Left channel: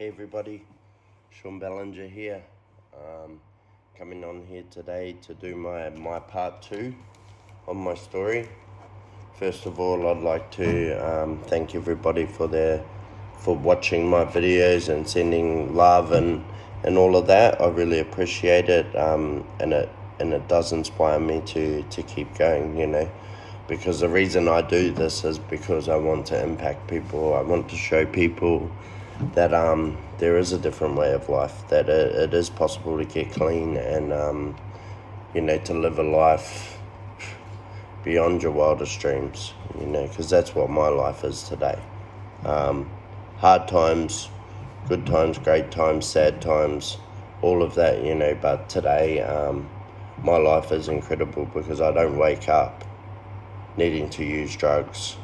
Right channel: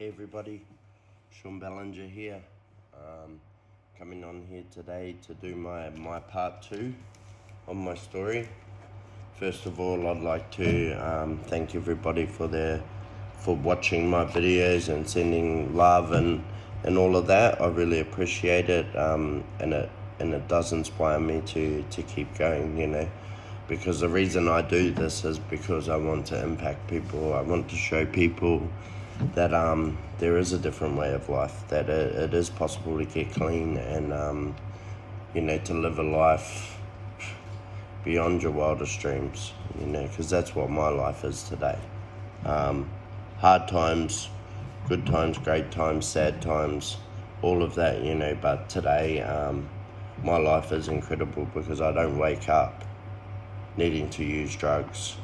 Hey everybody, Sean Ballinger here, coming on here today to do my part 2 of my story. First of all, I'd like to thank everybody for watching my videos and sending love and all of that. I really appreciate it, and it does inspire me to keep going, because the reason I do this is because I want to impact people. I want to show people that there is a different way of life, that it is possible to get clean and to live a life beyond your wildest dreams, because that's what my life is today. Hard times, good times, great times, sad times, all of that, but today my life is incredible because I don't wake up needing to use drugs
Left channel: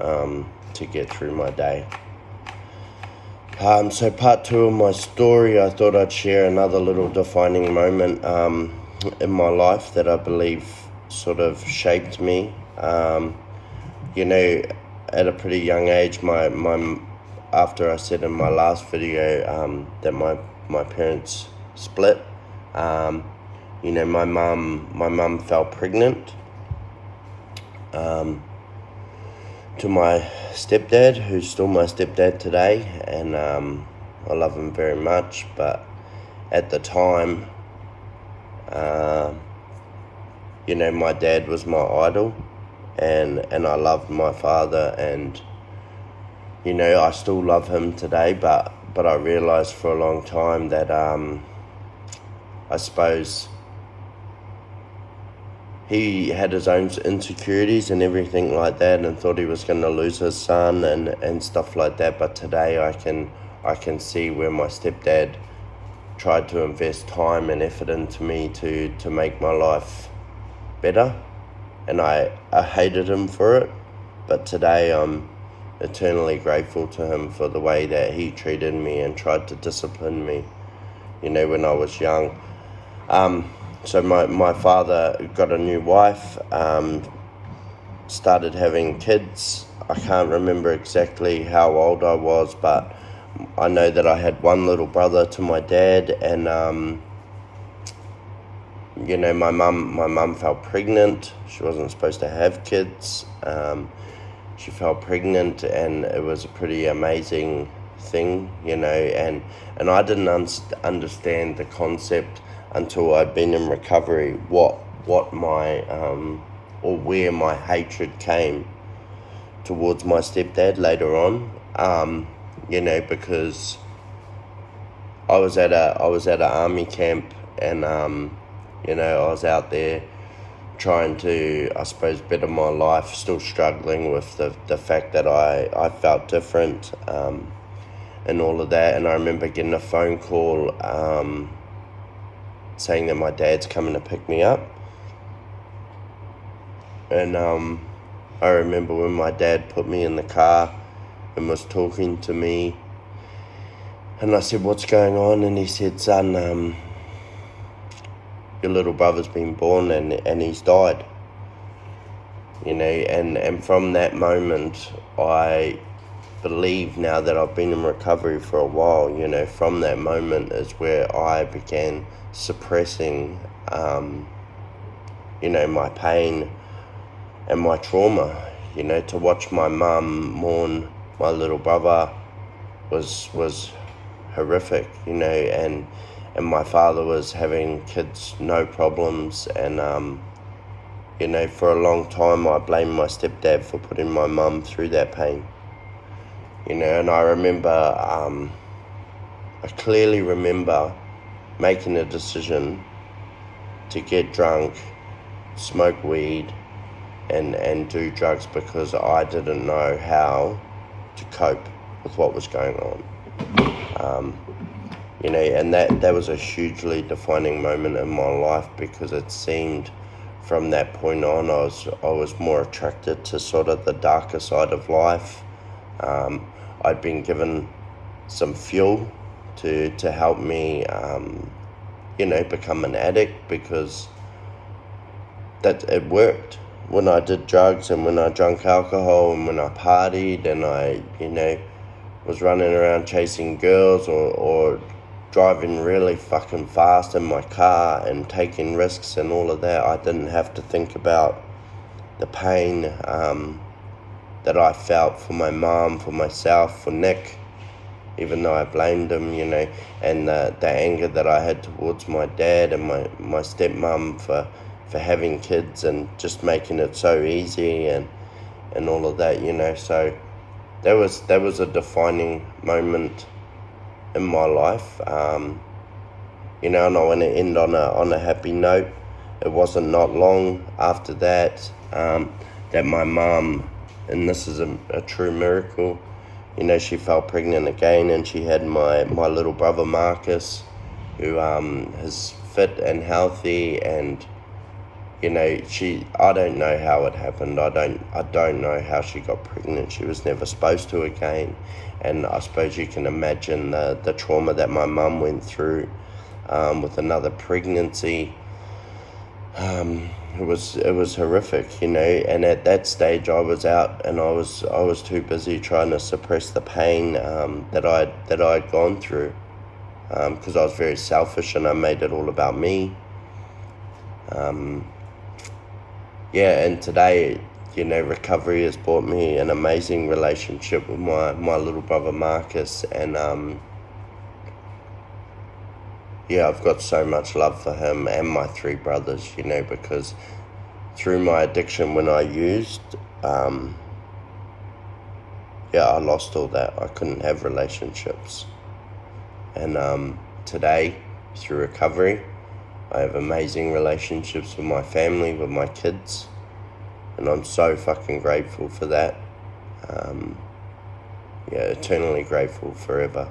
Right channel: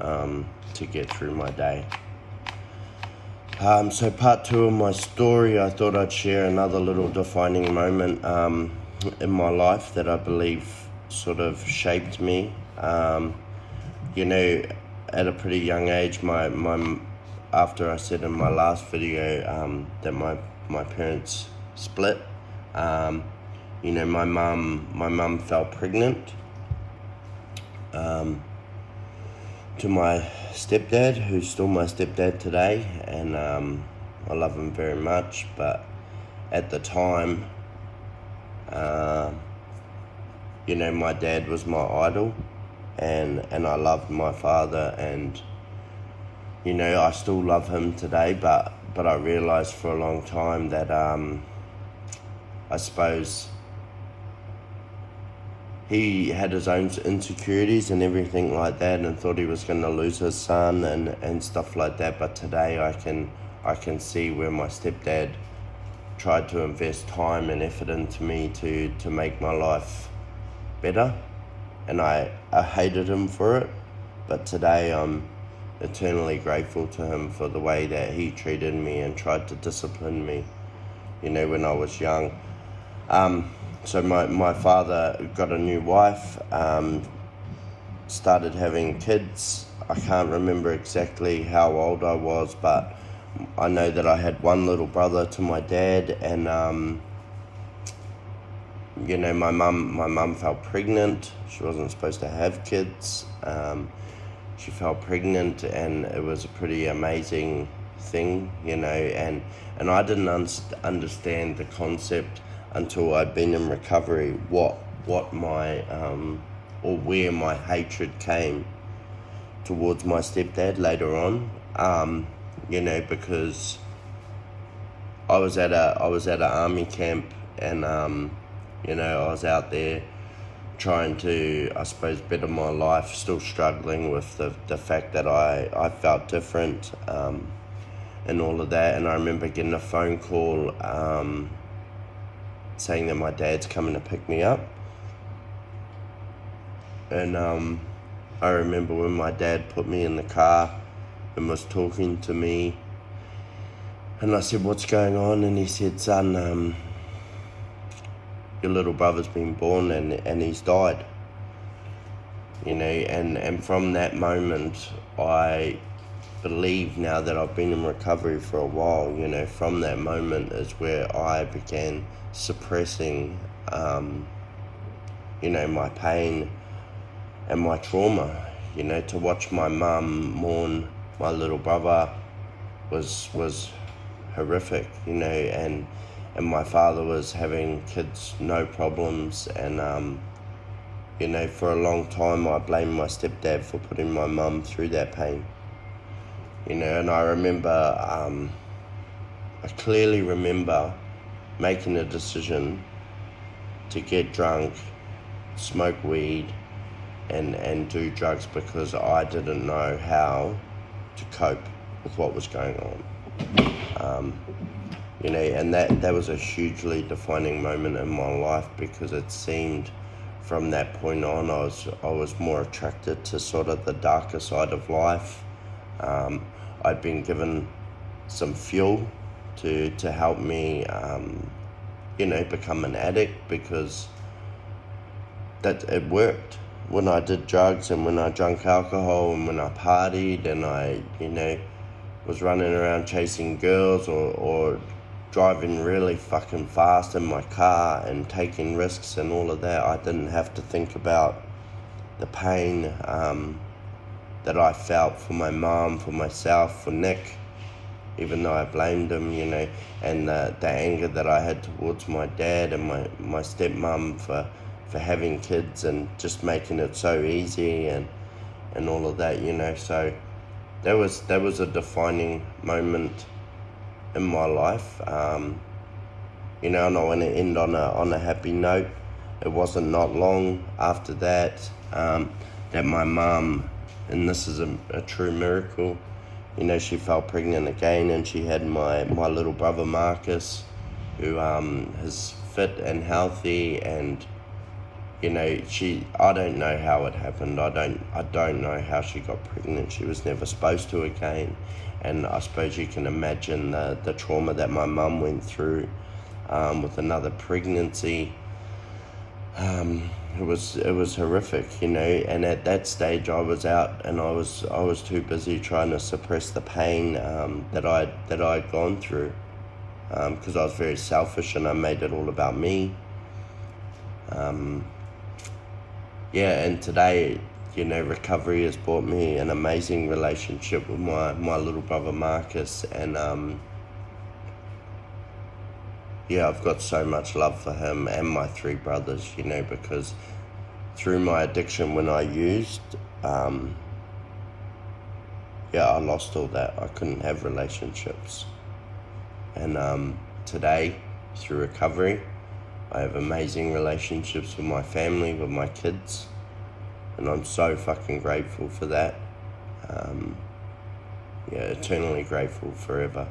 to get through my day. So part 2 of my story, I thought I'd share another little defining moment in my life that I believe sort of shaped me. At a pretty young age, after I said in my last video that my parents split, my mum fell pregnant to my stepdad, who's still my stepdad today, and I love him very much. But at the time, my dad was my idol, and I loved my father, and I still love him today. But I realized for a long time that I suppose he had his own insecurities and everything like that, and thought he was going to lose his son and stuff like that. But today I can see where my stepdad tried to invest time and effort into me to make my life better, and I hated him for it. But today I'm eternally grateful to him for the way that he treated me and tried to discipline me, when I was young. So my father got a new wife, started having kids. I can't remember exactly how old I was, but I know that I had one little brother to my dad, and my mum fell pregnant. She wasn't supposed to have kids. She fell pregnant, and it was a pretty amazing thing, and I didn't understand the concept until I'd been in recovery, what my or where my hatred came towards my stepdad later on, because I was at an army camp, and I was out there trying to, I suppose, better my life, still struggling with the fact that I felt different, and all of that. And I remember getting a phone call saying that my dad's coming to pick me up. And I remember when my dad put me in the car and was talking to me, and I said, "What's going on?" And he said, "Son, your little brother's been born and he's died." And from that moment, I believe now that I've been in recovery for a while, from that moment is where I began suppressing, my pain and my trauma. To watch my mum mourn my little brother was horrific, and my father was having kids, no problems, and for a long time I blamed my stepdad for putting my mum through that pain. And I remember, I clearly remember making a decision to get drunk, smoke weed, and do drugs because I didn't know how to cope with what was going on. And that was a hugely defining moment in my life, because it seemed from that point on I was more attracted to sort of the darker side of life. I'd been given some fuel to help me, become an addict, because that it worked. When I did drugs and when I drank alcohol and when I partied and I, was running around chasing girls or driving really fucking fast in my car and taking risks and all of that, I didn't have to think about the pain that I felt for my mom, for myself, for Nick, even though I blamed him, you know, and the anger that I had towards my dad and my stepmom for having kids and just making it so easy and all of that, you know. So that was a defining moment in my life, you know, and I want to end on a happy note. It wasn't not long after that that my mom, and this is a true miracle, you know, she fell pregnant again, and she had my little brother Marcus, who is fit and healthy, and you know, I don't know how it happened. I don't know how she got pregnant. She was never supposed to again, and I suppose you can imagine the trauma that my mum went through with another pregnancy. It was horrific, you know, and at that stage I was out, and I was too busy trying to suppress the pain that I'd gone through, because I was very selfish and I made it all about me. Yeah, and today, you know, recovery has brought me an amazing relationship with my little brother Marcus, and yeah, I've got so much love for him and my three brothers, you know, because through my addiction when I used, I lost all that. I couldn't have relationships. And today, through recovery, I have amazing relationships with my family, with my kids, and I'm so fucking grateful for that. Eternally grateful forever.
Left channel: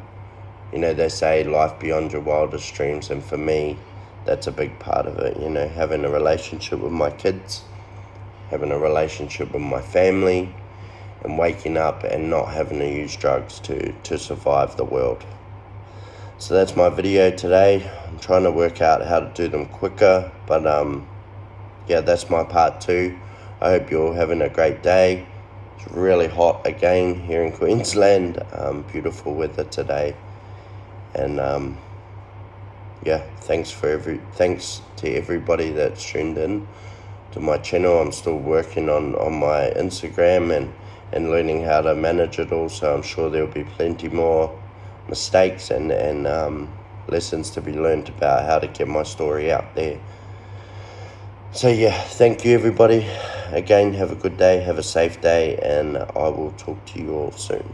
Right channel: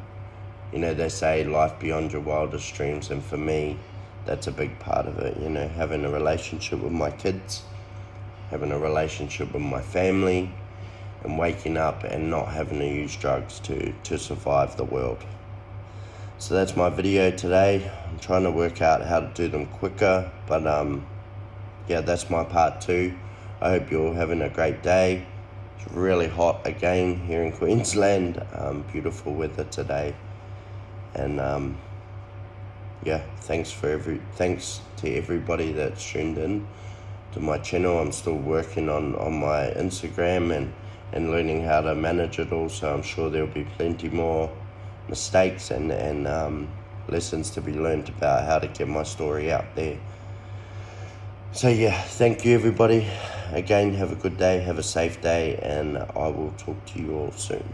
You know, they say life beyond your wildest dreams, and for me, that's a big part of it, you know, having a relationship with my kids, having a relationship with my family, and waking up and not having to use drugs to survive the world. So that's my video today. I'm trying to work out how to do them quicker, but that's my part 2. I hope you're all having a great day. It's really hot again here in Queensland. Beautiful weather today. And thanks to everybody that's tuned in to my channel. I'm still working on my Instagram and learning how to manage it all, so I'm sure there'll be plenty more mistakes and lessons to be learned about how to get my story out there. So yeah, thank you everybody. Again, have a good day, have a safe day, and I will talk to you all soon.